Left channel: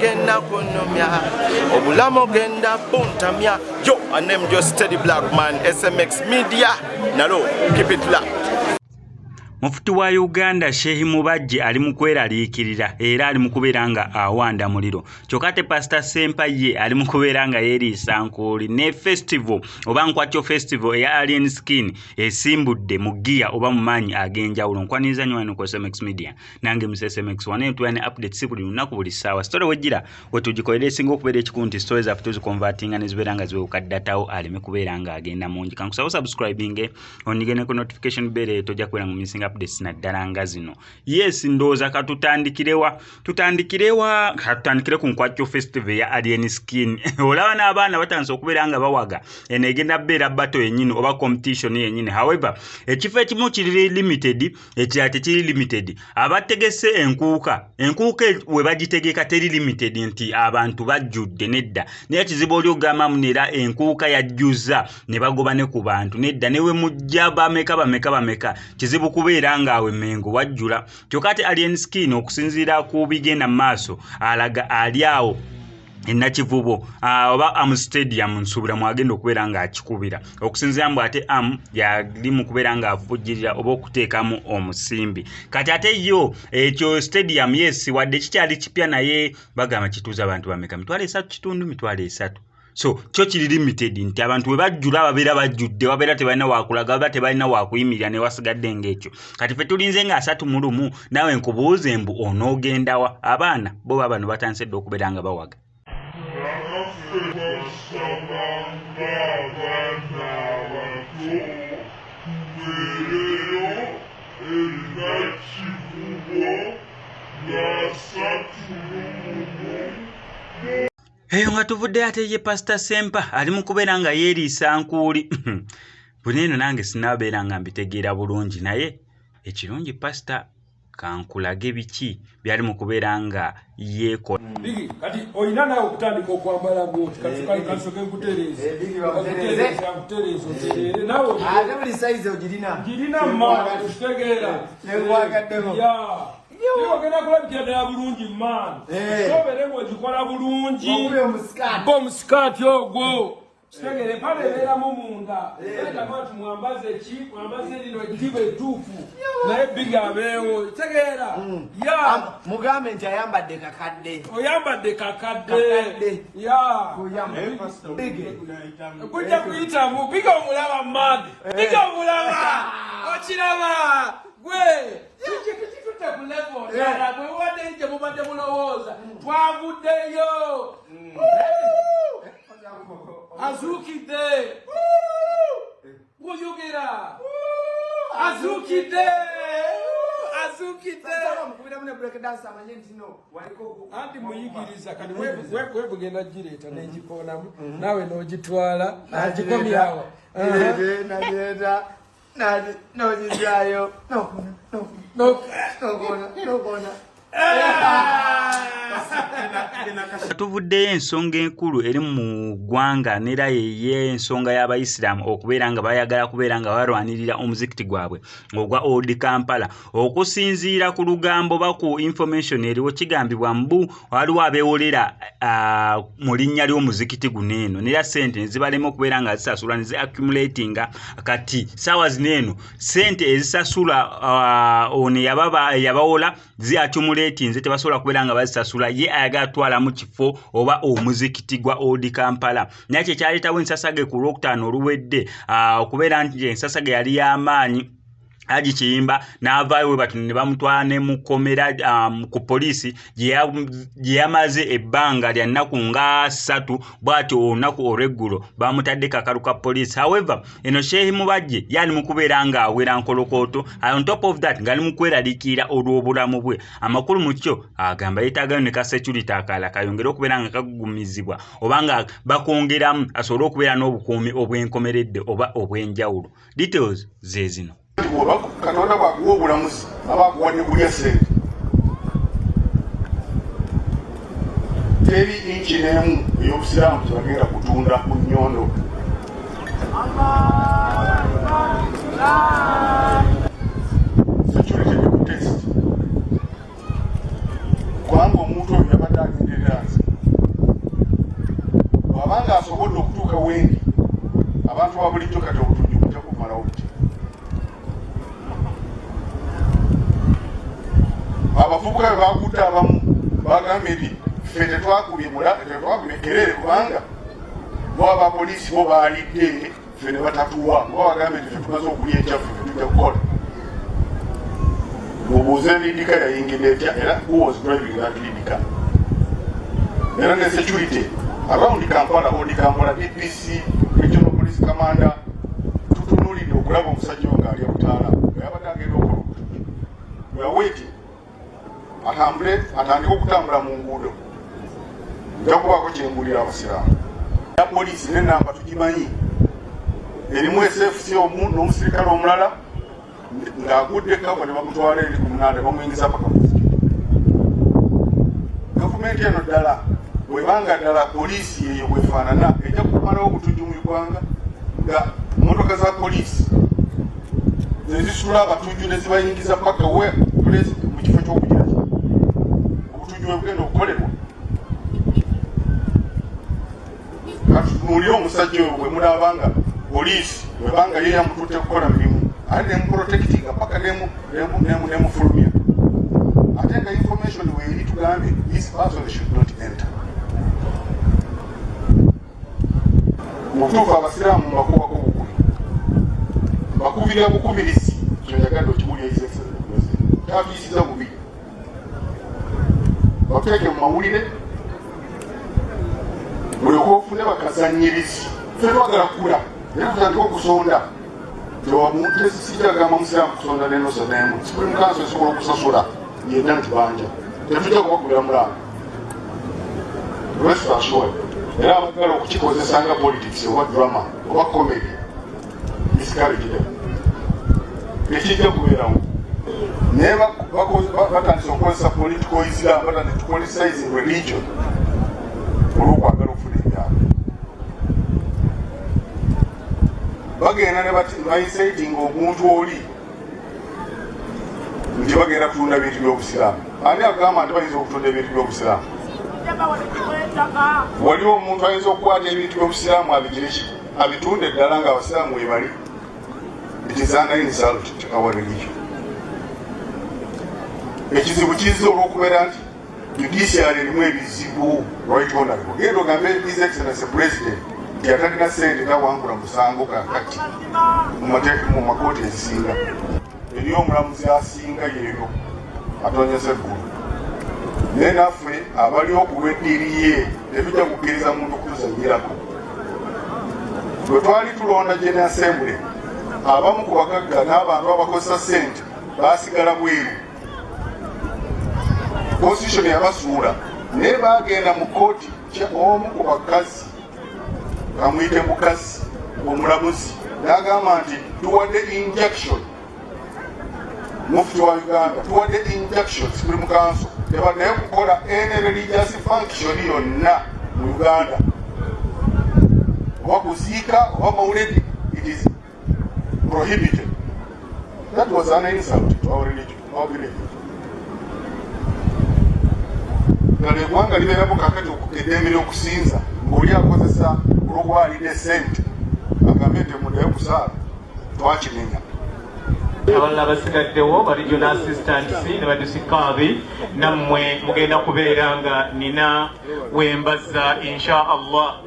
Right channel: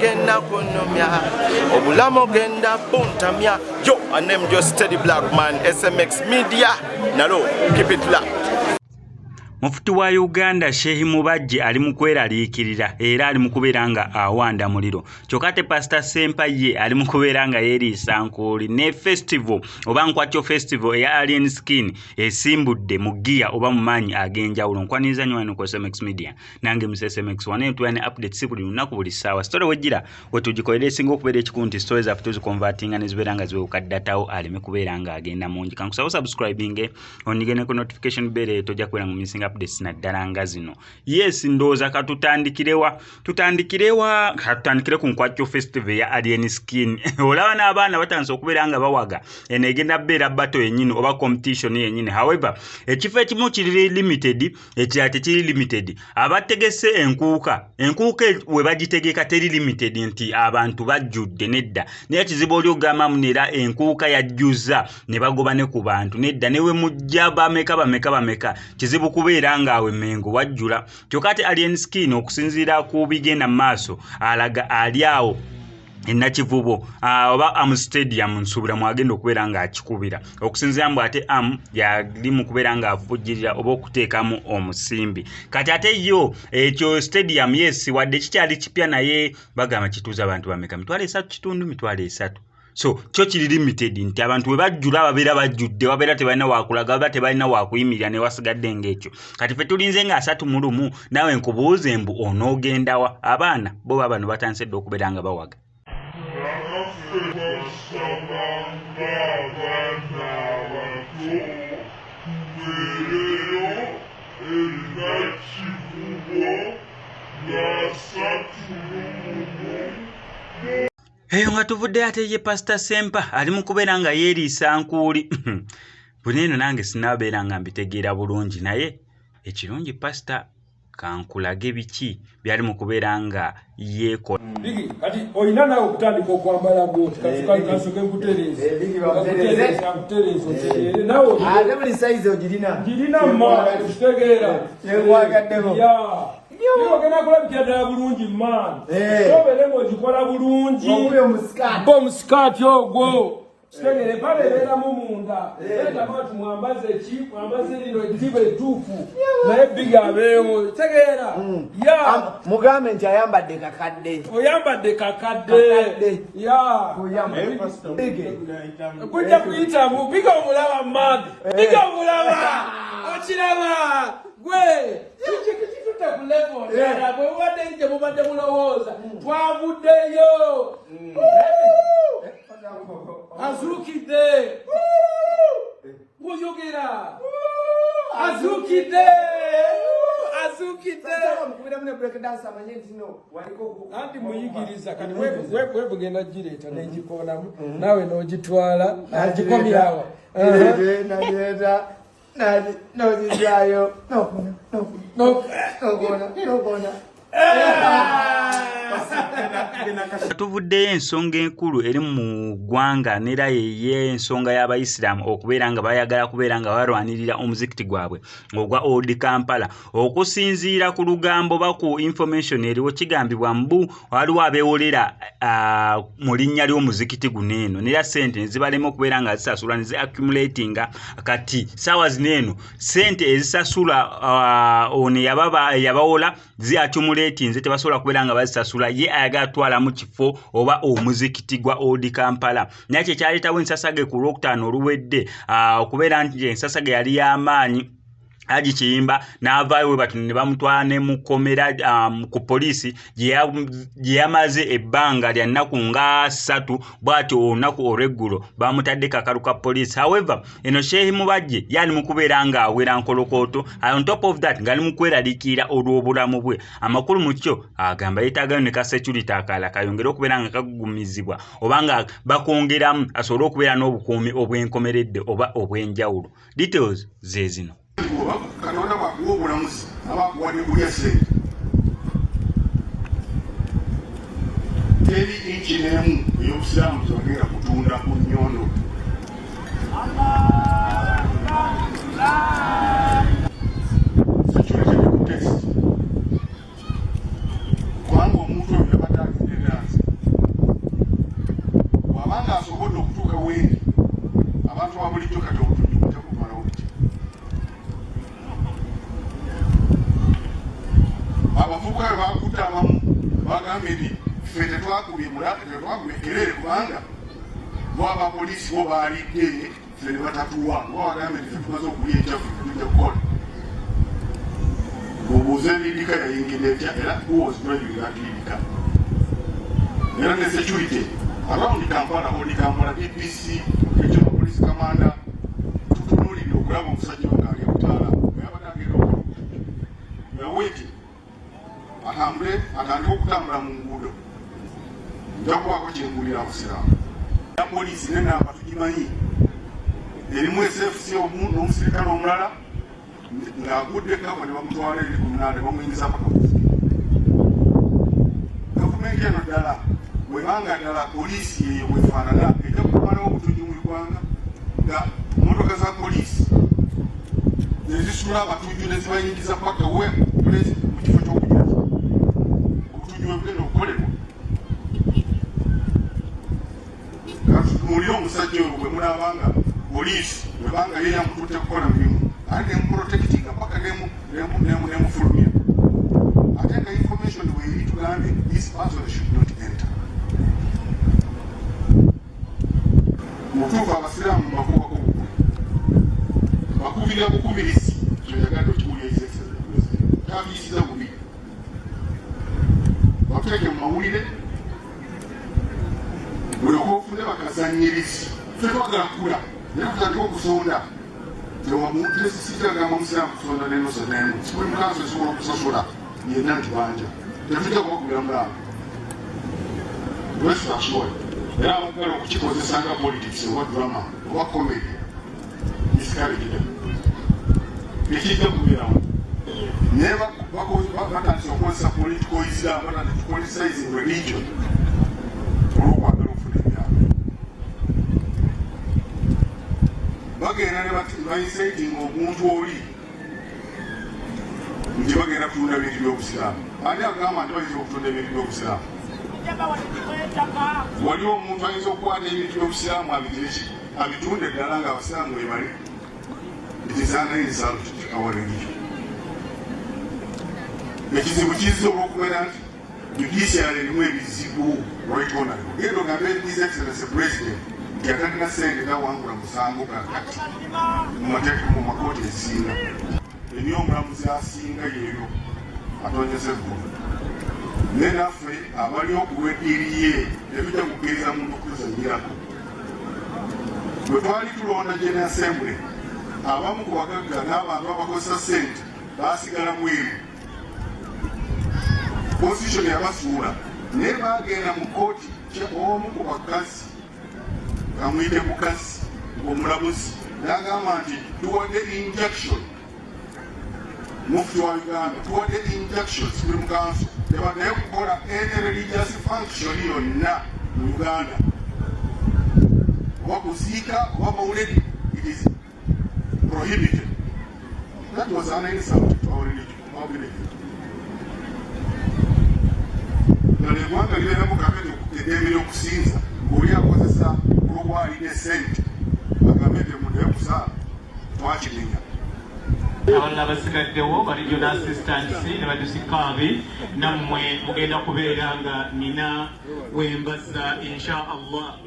genda kunomya obulamu genda puntamya. Yo, I name just Steady Black Man, SMX Media. Nalo, keep it locked. Mufuti wa Uganda Shehi Mubajje ali mu kweraliikirira era ali mu kubeera nga Awanda Muliro. Kyokate Pastor Sempa ye ali mu kubeera nga yeeriisa nkooli ne festival oba nkwatyo festival eya Alien Skin esimbudde mu gear oba mu maanyi ag'enjawulo. Nkwaniriza nnyo wano ku SMX Media nange mu SMX wane tuwane updates buli lunaku buli ssaawa. Story wejjira wetugikolera esinga okubeera ekikunti stories zaffe tuzikonvertinga ne zibeera nga ziwuka ddatawo aleme kubeera nga agenda mungi. Kankusaba subscribing onigene ku notification bell tojja kubeera mu missing updates na ddala nga zino. Yes, ndooza katutandikire ku nkwatyo festival ya Alien Skin. Olaba n'abaana batandise okubeera nga bawaga eno egenda bbeera battle yennyini oba competition yennyini. However, ekifo ekimu kiri limited, ekirala tekiri limited. Abategese enkuuka we bagitegeka teri limited nti abantu bajjudde nedda. Naye kizibu oli ogamba munera enkuuka yajjuza ne bagoba ne ku bantu nedda newe mujja bameka kizibu kubeera nga awe mengo wajjula. Kyokate Alien Skin okusinziira ku bigenda maaso alaga ali awo Nakivubo oba stadium nsubira mwagenda okubeera nga akikubira okusinziira mbu ate yali mu kubeera nga avujjirira oba okuteekamu omusimbi. Kati ate yo ekyo stadium yes wadde kikyali kipya naye bagamba kituuza abantu bameka 3.3 So kyo kiri limited nti abantu we bajjula babeera bajjudde wabeera tebalina wakulaga wabeera tebalina wakuyimirira ne wasigadde ng'ekyo. Kati ffe tulinze nga 3 nawe nkubuuze mbu onoogendawa. Abaana bo bano batandise dde okubeera nga bawaga. Eyo nga tuvudde ate ye Pastor Sempa ali mu kubeera nga yeeriisa nkuuli. Buneeno nange sinaabeera nga mbitegeera bulungi naye ekirungi Pastor kankulage biki byali mu kubeera nga yeekola. Bigi kati oyina nawe okutandika okwambala bwoti kati kansoke nkutereeze. Bigi bakutereeze nawe ate buli size ogirina mma kitegeera nekwagaddewo Yo gena kula bikya bulungi man. Sobere ngo gikola bulungi. Omusikati ogwo. Segere pale bera mu munda. Era abantu mwambaze lino ejibe tufu. Naye biga abeewo. Segera. Ya mugambe nti ayambadde kakadde. Oyambadde kakadde. Ya kuyambadde. Kujja kuyita mu biga omulaba man. Biga omulaba. Okiraba. Gwe. Level. Yeah, but what then you move the mulowooza. Twavuddeyo. Azukide. Kuyugira. Azukide. Mukubira mune break dance amanyenti no. Waliko anti muyigiriza kati we bugenda gireta n'egikonamu nawe n'ogitwala agikomyawo. No, Jizayo. No. Tuvuddeyo ensonga enkulu eri mu ggwanga n'era ye ensonga y'Abayisiraamu okubeera nga bayagala kubeera nga barwanirira omuzikiti gwabwe ogwa Old Kampala. Okusinziira ku lugambo ba ku information eriwo kigambibwa mbu waliwo abeewolera mu linnya ly'omuzikiti guno eno n'era ssente ne zibalema okubeera nga zisasula ne zi accumulatinga. Kati ssaawa zino eno ssente ezisasula ono yabawola zi accumulatinze tebasobola kubeera nga bazisasula ye ayagala twala mu kifo oba omuzikiti gwa Old Kampala. Naye kyaleetawo ensasage ku Lwokutaano oluwedde okubeera nti ensasage yali y'amaanyi Aji Kiyimba n'avaayo we batu ne bamutwala ne mukomera ku poliisi gye yamaze ebbanga lya nnaku nga 3 bw'atyo olunaku olw'eggulo bamutadde kakalu ka poliisi. However, eno Shehi Mubajje yali mu kubeera nga awera nkolokooto. On top of that ng'ali mu kweraliikirira olw'obulamu bwe. Amakulu mu kyo agamba yeetaagayo ne ka security akalala kayongere okubeera nga kagumizibwa oba nga bakongeramu asobole okubeera n'obukuumi obwenkomeredde oba obw'enjawulo. Details ze zino. Katonda bwakuwa obulamuzi abakuwadde kulya ssente teri inchi n'emu ey'obusiraamu tebagenda kutunda ku nnyondo. Security ku test kubanga omuntu oyo yabadde agenderera nze bw'abanga asobodde okutuuka wendi abantu ba bulijjo kati obutujju kujja kumalawo buti abavubuka bwe bakutte abamu bagambye nti ffe tetwakubye erere kubanga bo abapoliisi bo baalidde ffe ne batatuwa bo bagambye nti ffe tumaze okulya ekyaffe ffe tujja kukola mubuuze lidika yayingidde etya era who was driving that lidika era ne security around Kampala DPC regional police commander tutunulidde okulaba omusajja oyo ng'ali ebutaala yabadde agenda okukola obutujju yaweti atandika okutambula mu nguudo nja kubaako kyengulira abasiraamu ya poliisi n'enamba tugimanyi erimu SFC omu n'omusirikale omulala ng'agudde kava ne bamutwala eri ku munanda bamuyingiza paka gavumenti eno ddala bwebanga ddala poliisi eyo bwefaanana ejja kumalawo obutujju mu ugwanga nga motoka za poliisi nezisula abatujju ne zibayingiza paka mu kifo ky'okugira obutujju bwe bugenda okukolerwa katunuulire omusajja oyo bwe mulabanga poliisi bwebanga ye yamututte kukola mirimu ate nemuprotectinga paka nemufulumya ate nga information weeri tugambe this person should not enter mutuufu abasiraamu mbakubako bukumi bakubira bukubirizi kyoyagadde okiwulya kyafiisiza bubi bakuteeke mu mawulire buli okofune bakazanyirizi ffe twagala kukula era tutandika okusonda tesitagamba musiraamu kusonda nenosa nemu sibuli mukanso esobola okusasula yenna ntibanja tetujja kubakubira mulaamu restaurant era abagala okukikozesa nga politics oba drama oba comedy discouraged tekijja kubeerawo naye batandisa okukozesa political islam batandisa politicizing religion olwokwagala okufuna ebyalo bagenda ne bainciting omuntu oli nti bagenda kutunda bintu by'obusiraamu ani agamba nti bayinza okutunda ebintu by'obusiraamu waliwo omuntu ayinza okukwata ebintu by'obusiraamu abitunde ddala nga abasiraamu webali it is an insult to our religion ekizibu kizza olw'okubeera nti judiciary erimu ebizibu right honorable genda ogambe his excellency president nti atalina sente tawangula musango kakati mu makooti ezisinga eriyo omulamuzi asinga yeero atonyesa eggulu naye naffe abaliwo okulweddiiri ye tetujja kukkiriza muntu kuzanyirako bwe twali tulonda general assembly abamu ku bagagga n'abantu abakozesa sente baasigala bweru constitution yabasuula naye bagenda mu kooti omu ku bakazi kamuyite mukazi omulamuzi n'agamba nti tuwadde injection mufti wa Uganda tuwadde injections kuli mu kanso tebaddayo kukola any religious function yonna mu Uganda oba kuziika oba mawuledi it is prohibited. That was an insult to our religion, our belief. Gano eggwanga libeeramu kakati eddembe okusinza ng'oli akozesa olw'okwalira esente agambe nti muddayo kusaala twakinenya. Abalala basigaddewo ba regional assistants ne badisikaabi nammwe mugenda kubeera nga nina wembaza insha Allah.